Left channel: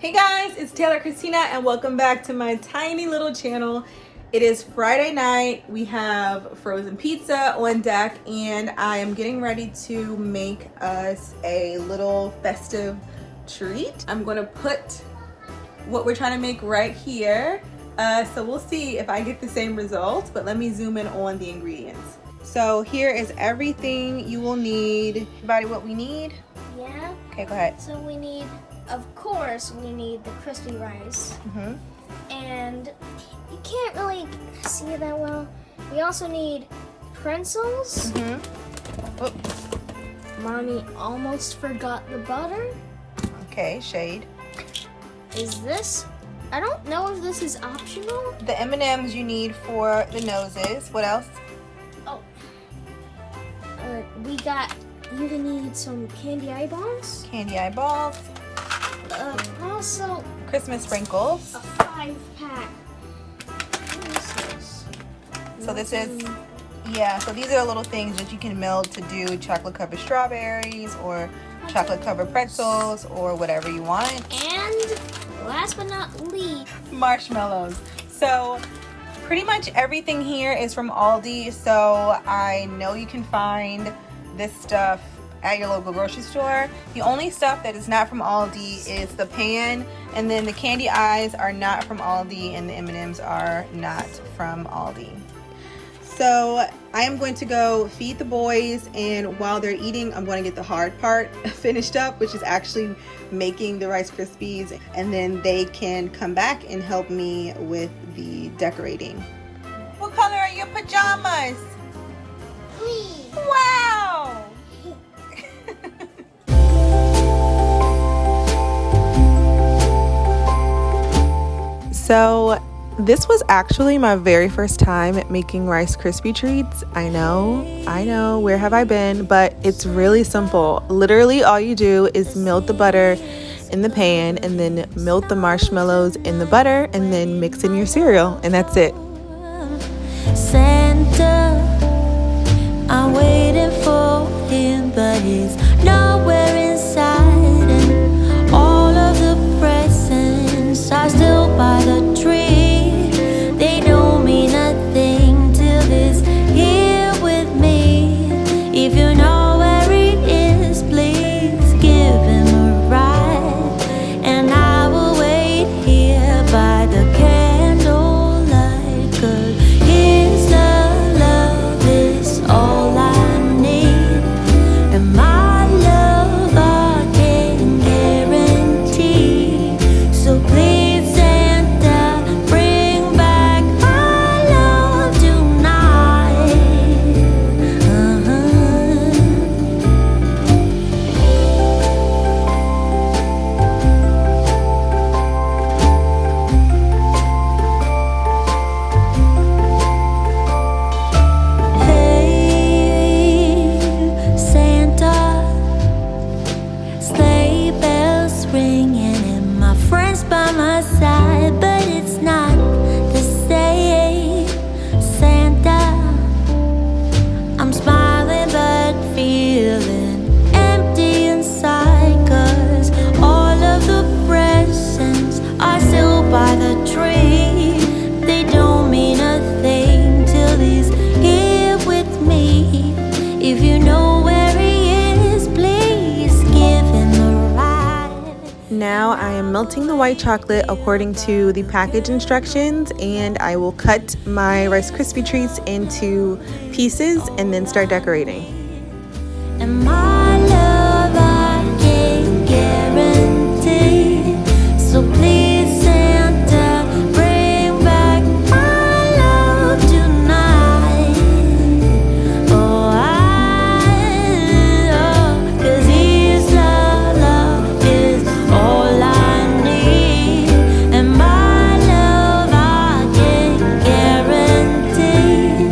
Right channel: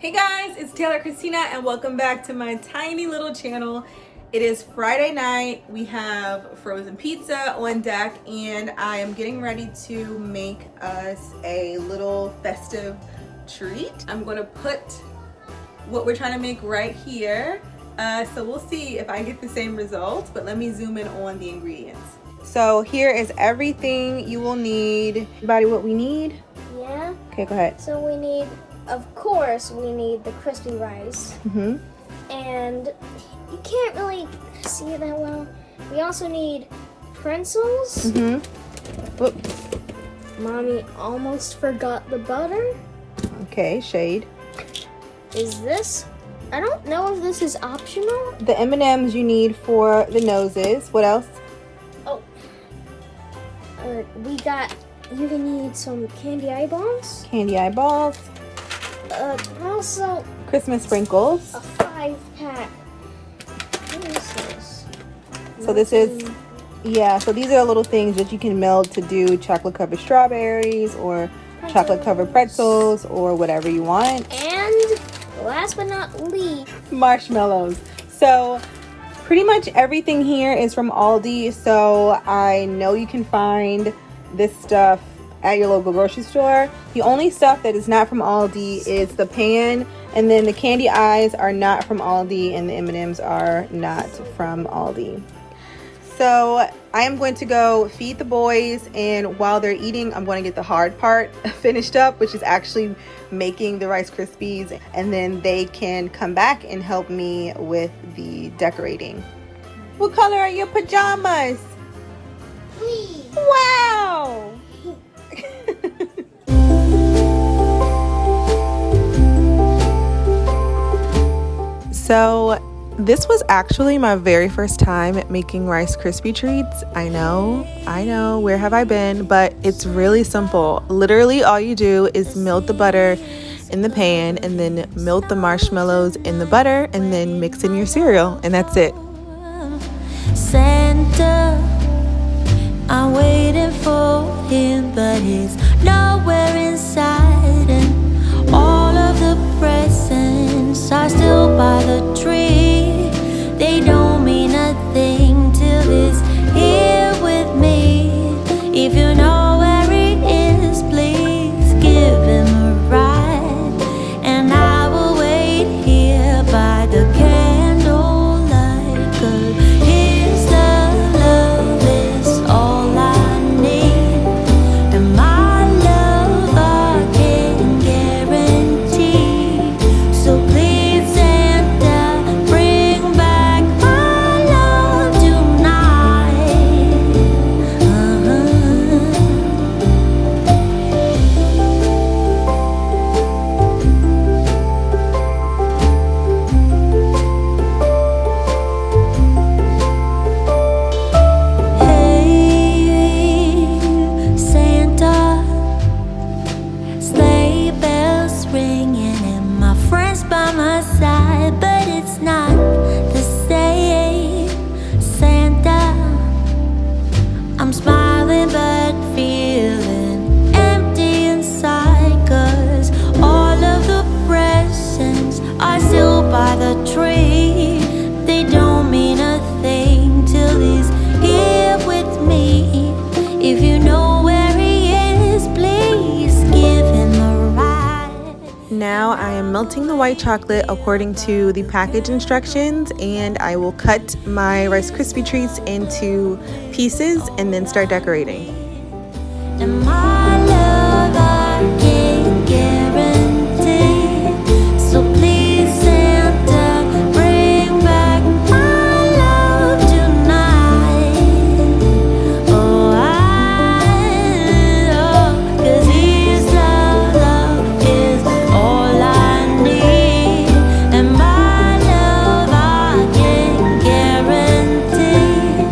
Hey guys, it's Taylor Christina and welcome back to my tiny little channel. It is Friday night. We have frozen pizza on deck and I am getting ready to make us a little festive treat. I'm gonna put what we're trying to make right here. So we'll see if I get the same results, but let me zoom in on the ingredients. So here is everything you will need. Everybody, what we need? Yeah. Okay, go ahead. So we need, of course, we need the crispy rice. And you can't really see it that well. We also need pretzels. Mommy almost forgot the butter. Okay, shade. Is this? I don't know if this is optional. The M&Ms you need for the noses. What else? Oh. You need some candy eyeballs. Candy eyeballs. Also Christmas sprinkles. a 5-pack. What is this? So this is, yeah, so these are the little things that you can melt to do chocolate covered strawberries or chocolate covered pretzels or whatever you want. And last but not least, Marshmallows. So pretty much everything here is from Aldi. So I know you can find this stuff at your local grocery store. The only stuff that is not from Aldi is the pan, and then the candy eyes are not from Aldi, and the M&Ms are not from Aldi. So I am going to go feed the boys, and while they're eating, I'm going to get the hard part finished up, which is actually making the Rice Krispies, and then they can come back and help me with the decorating. What color are your pajamas? please. Wow! So this was actually my very first time making Rice Krispie treats. I know, where have I been? But it's really simple. Literally all you do is melt the butter in the pan and then melt the marshmallows in the butter and then mix in your cereal, and that's it. Santa, I'm waiting for him, but he's nowhere inside, and all of the presents are still by the tree. They don't mean a thing till he's here with me. If you know where he is, please give him a ride, and I will wait here by the candlelight, 'cause his love is all I need, and my love I can guarantee. So please, Santa, bring back my love tonight. Hey, Santa, sleigh bells ringing and my friends by my side, but it's not the same. Santa, I'm smiling but feeling empty inside, 'cause all of the presents are still by the tree. They don't mean a thing till he's here with me. If you know where he is, please give him a ride. Now I am melting the white chocolate according to the package instructions, and I will cut my Rice Krispie treats into pieces and then start decorating. And my love I can guarantee. So please, Santa, bring back my love tonight. Oh, 'cause his love is all I need, and my love I can guarantee.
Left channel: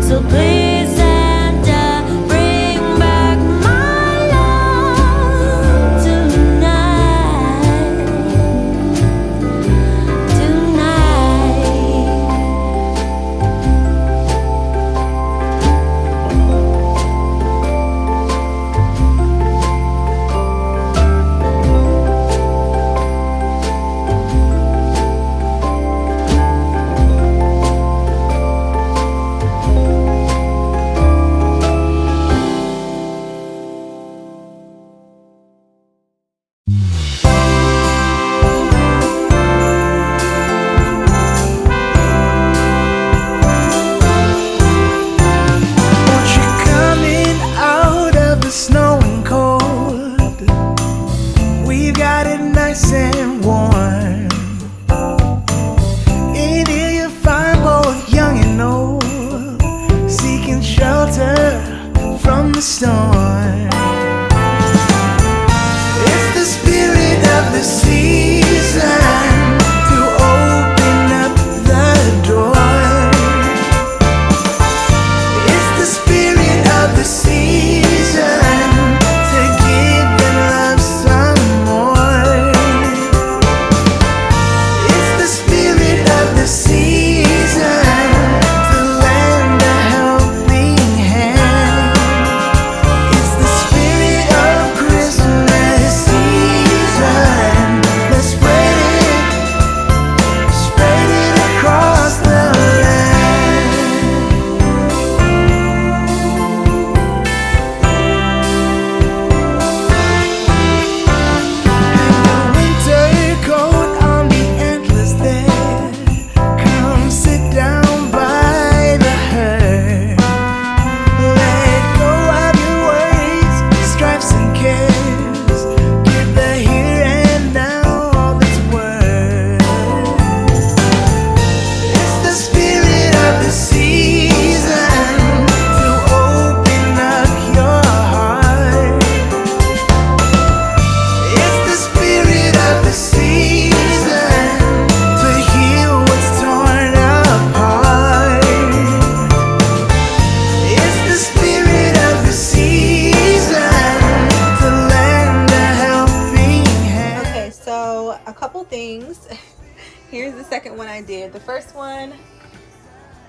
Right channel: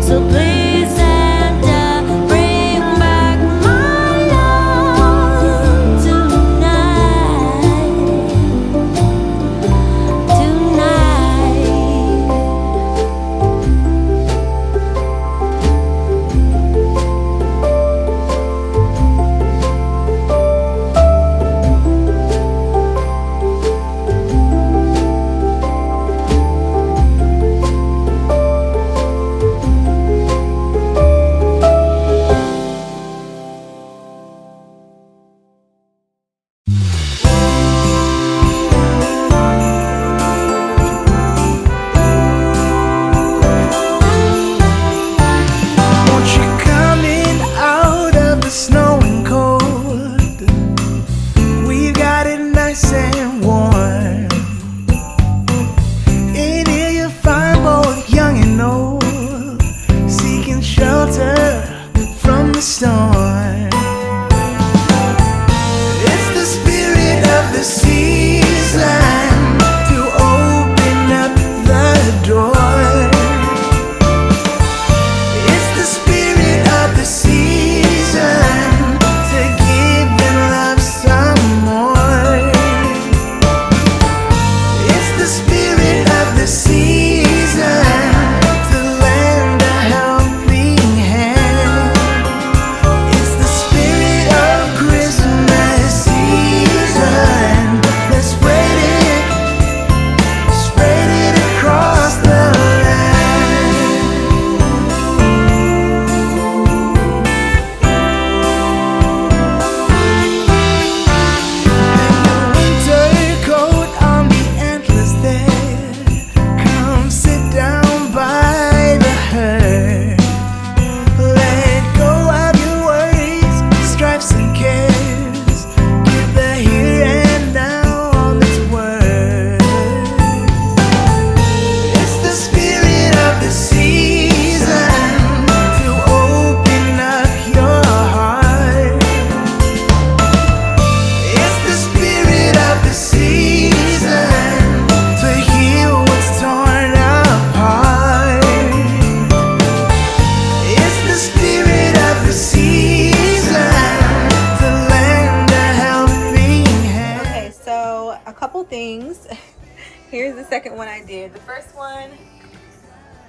So please, Santa, bring back my love. here's the second one I did. The first one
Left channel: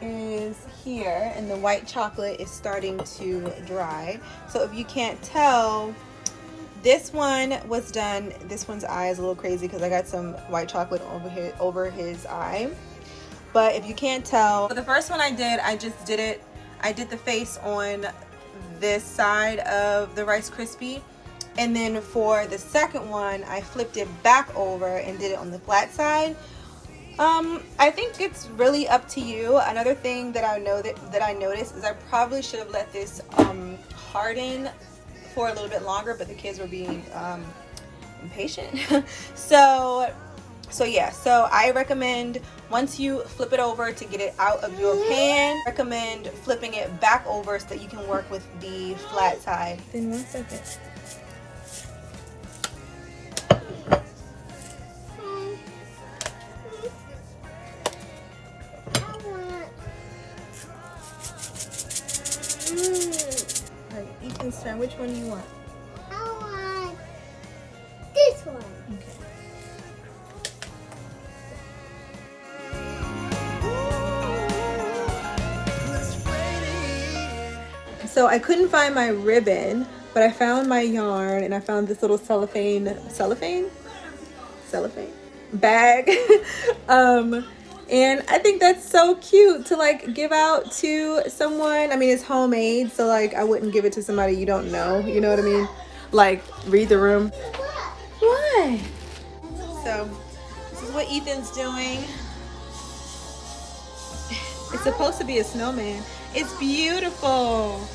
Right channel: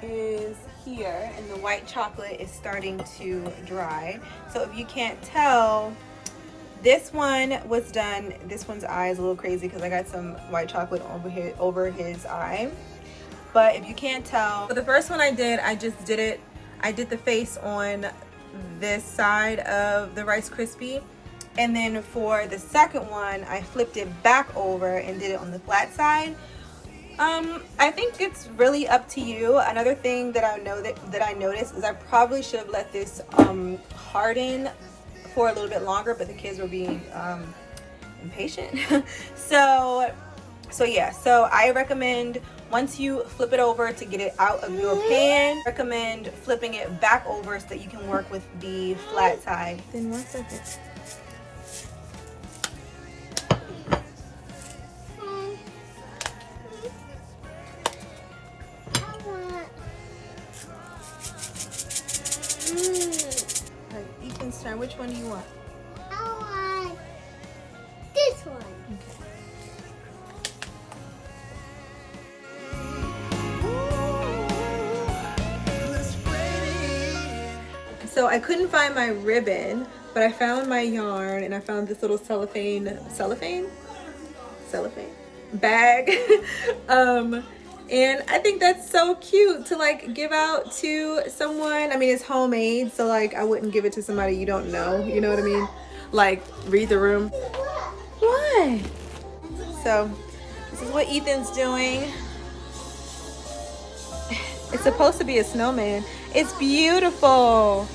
is here, and the white chocolate is starting to dry. So if you can't tell, this one was done. This one's eye is a little crazy because I got some white chocolate over his eye. But if you can't tell, for the first one I did the face on this side of the Rice Krispie, and then for the second one I flipped it back over and did it on the flat side. I think it's really up to you. Another thing that I noticed is I probably should have let this harden for a little bit longer, but the kids were being impatient. so I recommend, once you flip it over to get it out of your pan, recommend flipping it back over so that you can work with the flat side. Then 1 second. Alright, Ethan's turn. Which one do you want? I want this one. Okay. So I couldn't find my ribbon, but I found my yarn, and I found this little cellophane bag. And I think that's so cute to like give out to someone. I mean, it's homemade, so like I wouldn't give it to somebody you don't know, you know what I mean? Like, read the room. What? So this is what Ethan's doing. It's supposed to be a snowman. It's beautiful.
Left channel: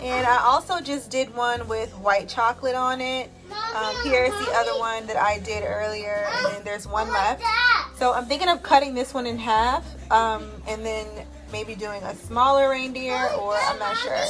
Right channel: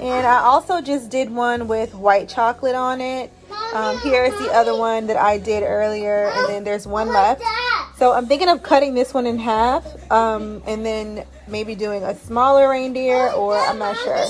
And I also just did one with white chocolate on it. Here's the other one that I did earlier, and then there's one left. So I'm thinking of cutting this one in half, and then maybe doing a smaller reindeer, or I'm not sure.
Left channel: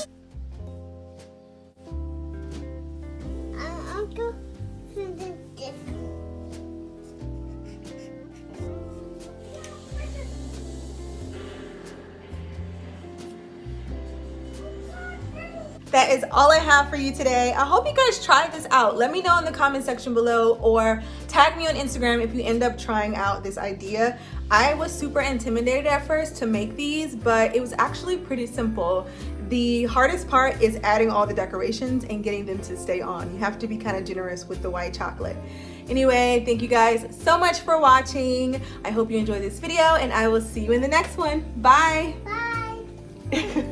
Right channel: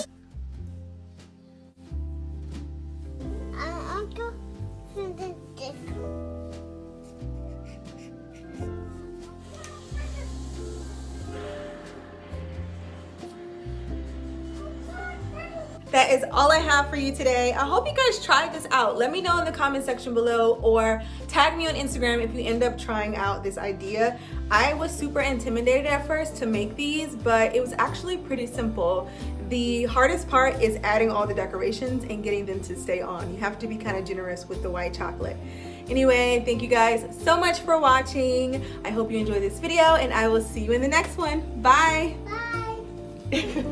That is all I have for you today. I hope you guys tried this out. Let me know in the comment section below, or tag me on Instagram if you end up trying out this idea. I was super intimidated at first to make these, but it was actually pretty simple. The hardest part is adding all the decorations and getting them to stay on. You have to be kind of generous with the white chocolate. Anyway, thank you guys so much for watching. I hope you enjoyed this video, and I will see you in the next one. Bye. Bye.